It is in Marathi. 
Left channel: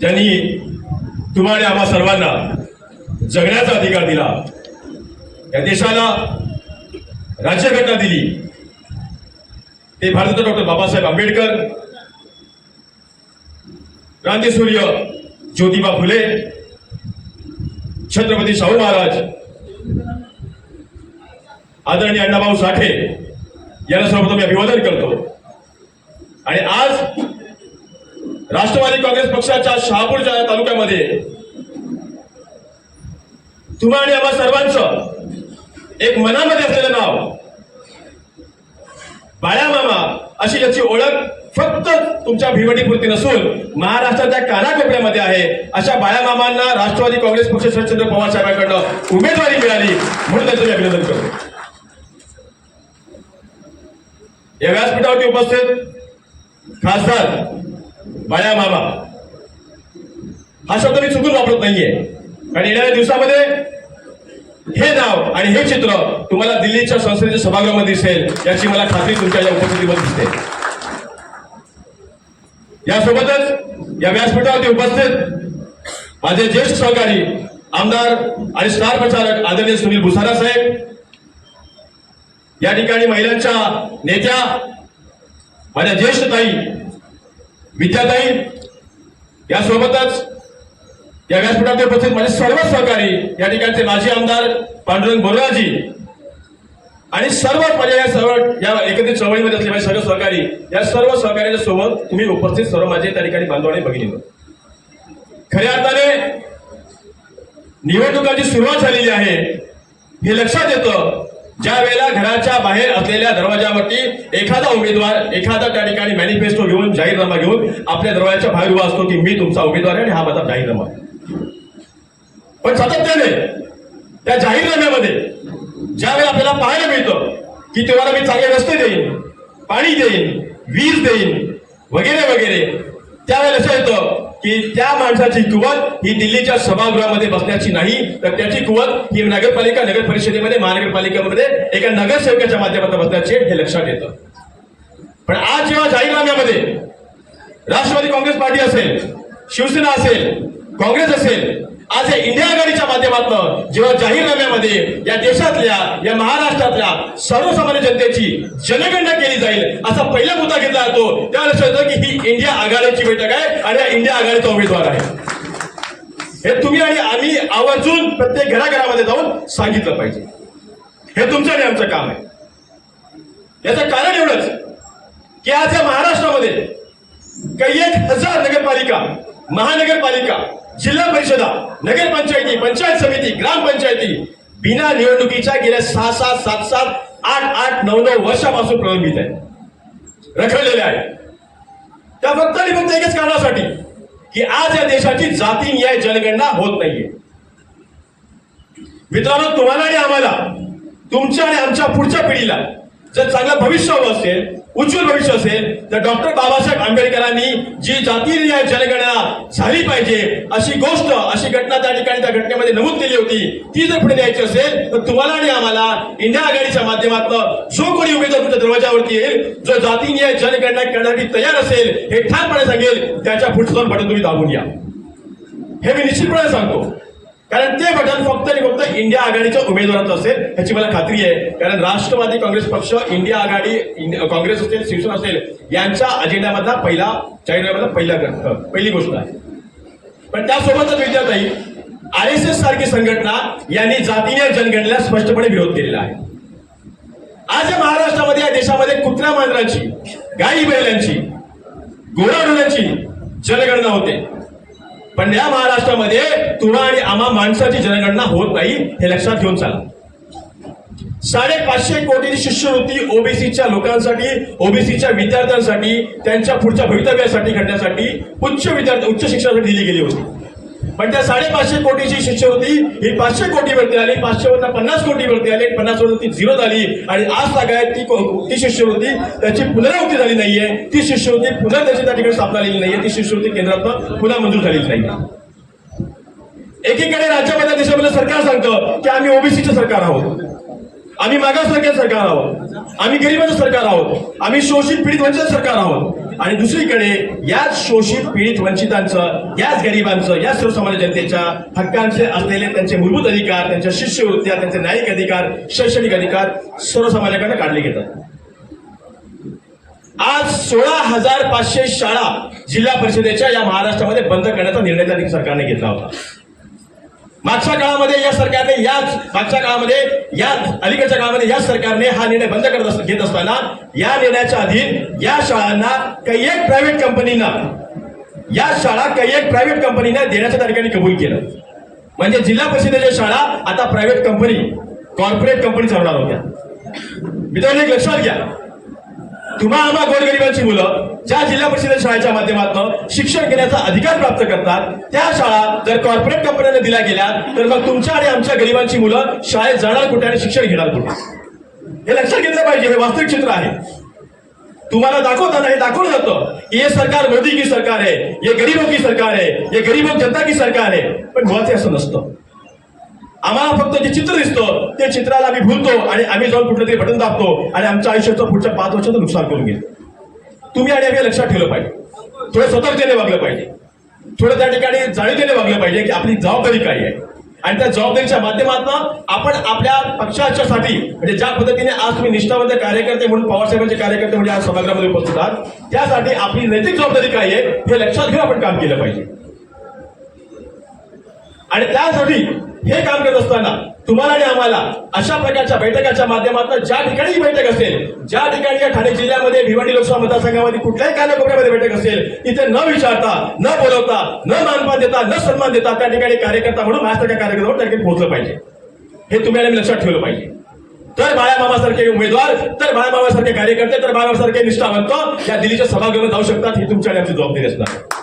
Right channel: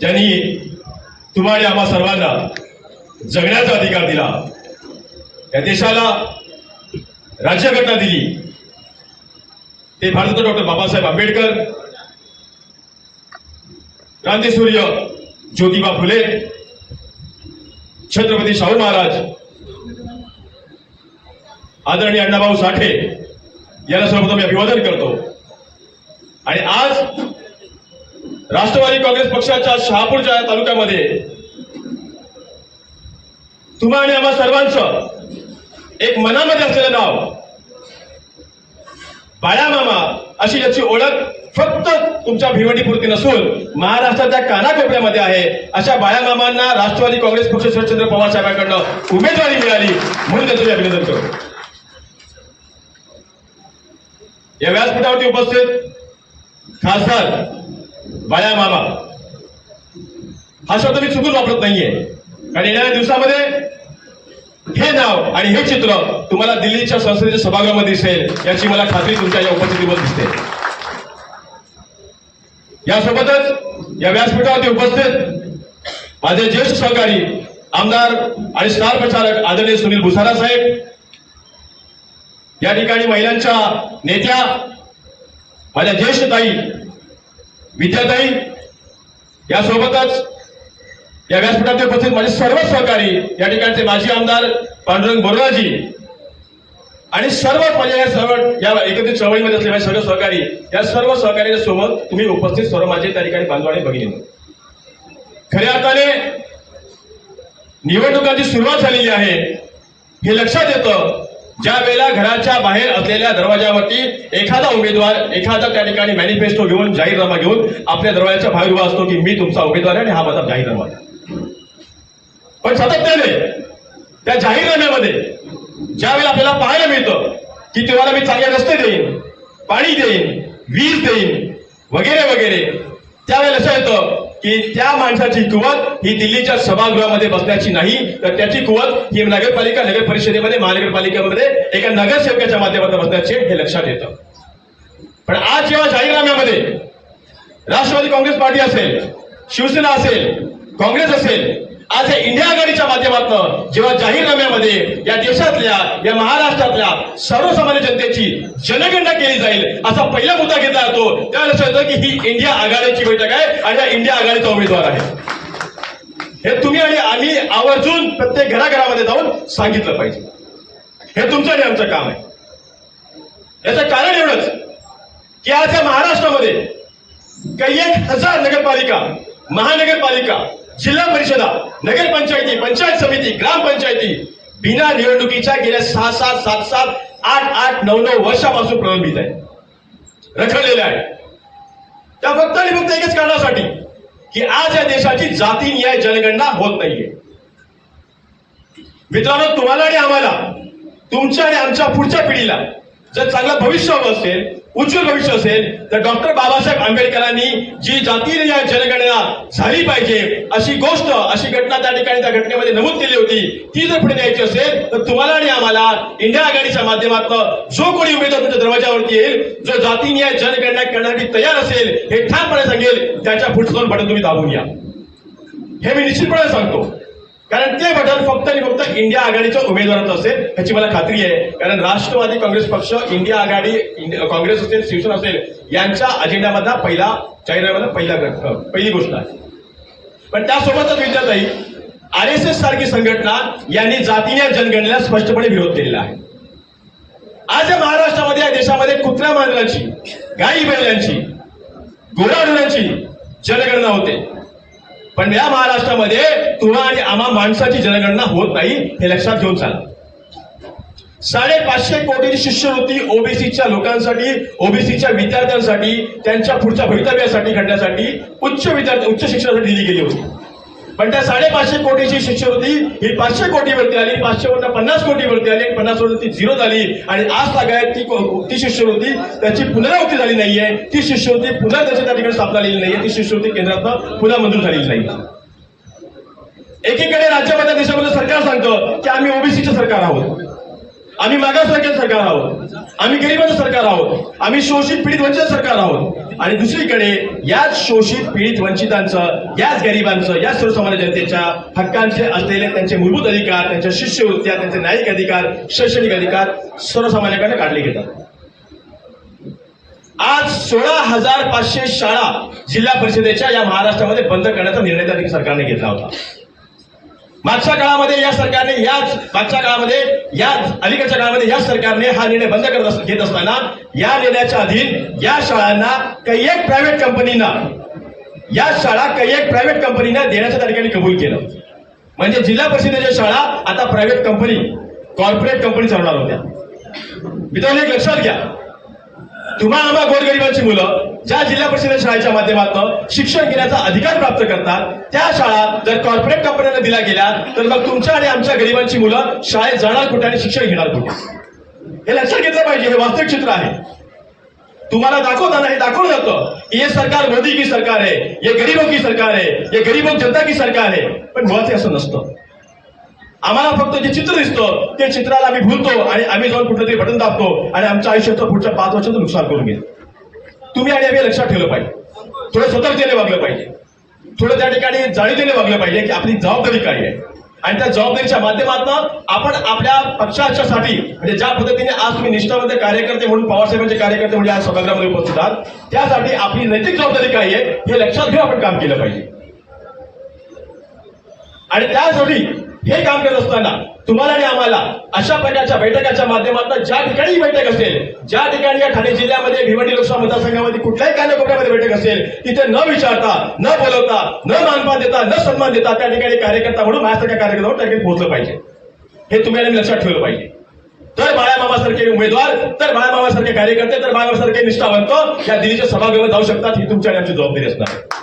ज्यांनी तुम्हाला आम्हा सर्वांना जगण्याचा अधिकार दिला. या देशाला राज्यघटना दिली. ते भारतरत्न डॉक्टर बाबासाहेब आंबेडकर क्रांतीसूर्य ज्योतिबा फुले छत्रपती शाहू महाराज आदरणीय अण्णाभाऊ साठे यांना सर्वप्रथम मी अभिवादन करतो. आणि आज राष्ट्रवादी काँग्रेस पक्षाच्या शहापूरच्या तालुक्यामध्ये तुम्हा आणि आम्हा सर्वांचं एक मनामध्ये असलेलं नाव बाळा मामा अशी याची ओळख फक्त तुमच्या भिवटीपुरती नसून महाराष्ट्राच्या कानाकोपऱ्यामध्ये आहे. अशा बाळामामांना राष्ट्रवादी काँग्रेस पक्ष शरदचंद्र पवार साहेबांकडनं उमेदवारी मिळाली. म्हणून त्यांचं अभिनंदन करतो. या व्यासपीठावरती उपस्थित खासदार बाळा मामा. हा शब्द मी चुकून वापरत नाहीये. कारण येणाऱ्या दिवसामध्ये हे नाव आणि हे चित्र तुम्हाला दिल्लीच्या संसदेच्या सभागृहामध्ये दिसेल याची मला खात्री तुमच्या या उपस्थितीमध्ये दिसते. यासोबतच या व्यासपीठावरती उपस्थित माझे ज्येष्ठ सहकारी आमदार आणि स्टार प्रचारक आदरणीय सुनील भुसारा साहेब या ठिकाणी महिलांच्या नेत्या माझ्या ज्येष्ठ ताई विद्याताई यासोबतच या व्यासपीठात उपस्थित माझे सर्व सहकारी या ठिकाणचे माजी आमदार पांडुरंग बोराजी आणि सर्व पर्याय सर्व या एकत्रित चळवळीमध्ये असलेले सर्व सहकारी या सर्व सहकार्याच्या सोबत तुम्ही उपस्थित सर्व माझे त्या ठिकाणी बांधव आणि भगिनी. खऱ्या अर्थाने निवडणुकांची सुरुवात झालेली आहे हे लक्षात येतं. ज्या वेळेला घराच्या बाहेर दरवाजावरती एखादा उमेदवार एखादा त्या ठिकाणी मॅनिफेस्टो घेऊन जाहीरनामा घेऊन आपल्या दरवाजाच्या बाहेर उभा असतो की मी तुमचा उमेदवार आहे आणि हा माझा जाहीरनामा पण सातत्याने त्या जाहीरनाम्यामध्ये ज्यावेळेला आपल्याला पाहायला मिळतं की तुम्हाला मी चांगले रस्ते देईन पाणी देईन वीज देईन वगैरे वगैरे त्यावेळेला असं येतं की त्या माणसाची कुवत ही दिल्लीच्या सभागृहामध्ये बसण्याची नाही. तर त्याची कुवत ही नगरपालिका नगर परिषदेमध्ये महानगरपालिकेमध्ये एका नगरसेवकाच्या माध्यमातून बसण्याचे हे लक्षात येतं. पण आज जेव्हा जाहीरनाम्यामध्ये राष्ट्रवादी काँग्रेस पार्टी असेल शिवसेना असेल काँग्रेस असेल आज या इंडिया आघाडीच्या माध्यमातून जेव्हा जाहीरनाम्यामध्ये या देशातल्या या महाराष्ट्रातल्या सर्वसामान्य जनतेची जनगणना केली जाईल असा पहिला मुद्दा घेतला जातो त्यावेळेस होतं की ही इंडिया आघाडीची बैठक आहे आणि या इंडिया आघाडीचा उमेदवार आहे. हे तुम्ही आणि आम्ही आवर्जून प्रत्येक घराघरामध्ये जाऊन सांगितलं पाहिजे. हे तुमचं आणि आमचं काम आहे. याचं कारण एवढंच की आज या महाराष्ट्रामध्ये काही एक हजार नगरपालिका महानगरपालिका जिल्हा परिषदा नगरपंचायती पंचायत समिती ग्रामपंचायती बिना निवडणुकीच्या गेल्या सहा सात सात सात आठ आठ नऊ नऊ वर्षापासून प्रलंबित आहे. रखडलेल्या आहे. त्या फक्त आणि फक्त एकच कारणासाठी की आज या देशाची जाती न्याय जनगणना होत नाहीये. मित्रांनो तुम्हाला आणि आम्हाला तुमच्या आणि आमच्या पुढच्या पिढीला जर चांगलं भविष्य हवं असेल उज्ज्वल भविष्य असेल तर डॉक्टर बाबासाहेब आंबेडकरांनी जी जातीय जनगणना झाली पाहिजे अशी गोष्ट अशी घटना त्या ठिकाणी त्या घटनेमध्ये नमूद केली होती ती जर पुढे द्यायची असेल तर तुम्हाला आणि आम्हाला इंडिया आघाडीच्या माध्यमातून जो कोणी उमेदवार तुमच्या दरवाजावरती येईल जो जातीय जनगणना करण्यासाठी तयार असेल हे ठामपणे सांगेल त्याच्या पुढचं बटन तुम्ही दाबून या हे मी निश्चितपणे सांगतो. कारण ते बटन फक्त आणि फक्त इंडिया आघाडीच्या उमेदवाराचं असेल ह्याची मला खात्री आहे. कारण राष्ट्रवादी काँग्रेस पक्ष इंडिया आघाडी काँग्रेस असेल शिवसेना असेल यांच्या अजेंडामधला पहिला जाहीरनाम्याचा पहिला पहिली गोष्ट आहे. पण त्यासोबतच विद्यार्थी आर एस एस सारखी संघटना यांनी जातीय जनगणनेला स्पष्टपणे विरोध केलेला आहे. आज या महाराष्ट्रामध्ये या देशामध्ये कुत्र्या मांजरांची गाई बैलांची घोडाडोळ्यांची जनगणना होते. पण या महाराष्ट्रामध्ये तुला आणि आम्हा माणसाची जनगणना होत नाही हे लक्षात घेऊन चाला. साडेपाचशे कोटीची शिष्यवृत्ती ओबीसीच्या लोकांसाठी ओबीसीच्या विद्यार्थ्यांसाठी त्यांच्या पुढच्या भवितव्यासाठी घडण्यासाठी उच्च विद्यार्थी उच्च शिक्षणासाठी दिली गेली होती. पण त्या साडेपाचशे कोटीची शिष्यवृत्ती ही पाचशे कोटीवरती आली. पाचशे पन्नास कोटीवरती आली. पन्नास वरती झिरो झाली. आणि आज सगळ्यात ती ती शिष्यवृत्ती त्याची पुनरावृत्ती झाली नाहीये. ती शिष्यवृत्ती पुन्हा त्याची त्या ठिकाणी स्थापना झालेली नाहीये. ती शिष्यवृत्ती केंद्रात पुन्हा मंजूर झालेली नाही एकीकडे राज्यामध्ये देशामध्ये सरकार सांगतं की आम्ही ओबीसीचे सरकार आहोत. आम्ही मागासवर्गीय सरकार आहोत. आम्ही गरिबांचं सरकार आहोत. आम्ही शोषित पीडित वंचित सरकार आहोत. आणि दुसरीकडे याच शोषित पीडित वंचितांचं याच गरिबांचं याच सर्वसामान्य जनतेच्या हक्कांचे असलेले त्यांचे मूलभूत अधिकार त्यांच्या शिष्यवृत्त्या त्यांचे न्यायिक अधिकार शैक्षणिक अधिकार सर्वसामान्यांकडे काढले घेतात आज सोळा हजार पाचशे शाळा जिल्हा परिषदेच्या या महाराष्ट्रामध्ये बंद करण्याचा निर्णय त्या सरकारने घेतला होता. मागच्या काळामध्ये या सरकारने याच मागच्या काळामध्ये याच अलीकडच्या काळामध्ये याच सरकारने हा निर्णय बंद करत घेत असताना या निर्णयाच्या अधीन या शाळांना काही एक प्रायव्हेट कंपनीना या शाळा काही एक प्रायव्हेट कंपनीना देण्याच्या तारखेने कबूल केलं. म्हणजे जिल्हा परिषदेच्या शाळा आता प्रायव्हेट कंपनी कॉर्पोरेट कंपनी चालणार होत्या. मित्रांनो एक लक्षात घ्या. तुम्हा आम्हा गोरगरिबांची मुलं ज्या जिल्हा परिषद शाळेच्या माध्यमातून शिक्षण घेण्याचा अधिकार प्राप्त करतात त्या शाळा जर कॉर्पोरेट कंपन्यांना दिल्या गेल्या तर मग तुमच्या आणि आमच्या गरिबांची मुलं शाळेत जाणार कुठे आणि शिक्षण घेणार कुठे? हे लक्षात घेतलं पाहिजे हे वास्तविक चित्र आहे. तुम्हाला दाखवताना हे दाखवलं जातं. की हे सरकार मोदी की सरकार आहे हे गरीबों की सरकार आहे हे गरीबों जनता की सरकार आहे. पण मुळात हे असं नसतं. आम्हाला फक्त जे चित्र दिसतं ते चित्राला आम्ही भूलतो आणि आम्ही जाऊन कुठलं तरी बटन दाबतो आणि आमच्या आयुष्याचं पुढच्या पाच वर्षाचं नुकसान करून घेतो. तुम्ही आणि आम्ही लक्षात ठेवलं पाहिजे. थोडं सतर्कतेने वागलं पाहिजे. थोडं त्या ठिकाणी जाणीवतेने वागलं पाहिजे की आपली जबाबदारी काय आहे. आणि त्या जबाबदारीच्या माध्यमातून आपण आपल्या पक्षाच्यासाठी म्हणजे ज्या पद्धतीने आज तुम्ही निष्ठावंत कार्यकर्ते म्हणून पवारसाहेबांचे कार्यकर्ते म्हणजे आज सभागृहामध्ये उपस्थित आहात त्यासाठी आपली नैतिक जबाबदारी काय आहे हे लक्षात घेऊन आपण काम केलं पाहिजे. आणि त्यासाठी हे काम करत असताना तुम्हाला आणि आम्हाला अशा प्रकारच्या बैठकाच्या माध्यमातून ज्या ठिकाणी बैठक असेल ज्या ठिकाणी या ठाणे जिल्ह्यामध्ये भिवंडी लोकसभा मतदारसंघामध्ये कुठल्याही कानाकोपऱ्यामध्ये बैठक असेल तिथे न विचारता न बोलवता न मानपान देता न सन्मान देता त्या ठिकाणी कार्यकर्ता म्हणून महाराष्ट्राच्या कार्यकर्त्यावर त्या ठिकाणी पोहोचलं पाहिजे. हे तुम्ही आणि लक्षात ठेवलं पाहिजे. तर बाळाबाबासारखे उमेदवार तर बाळाबाबासारखे कार्यकर्ते तर बाळामामासारखे निष्ठावंत या दिल्लीच्या सभागृहात जाऊ शकतात ही तुमच्या आणि आमची जबाबदारी असणार.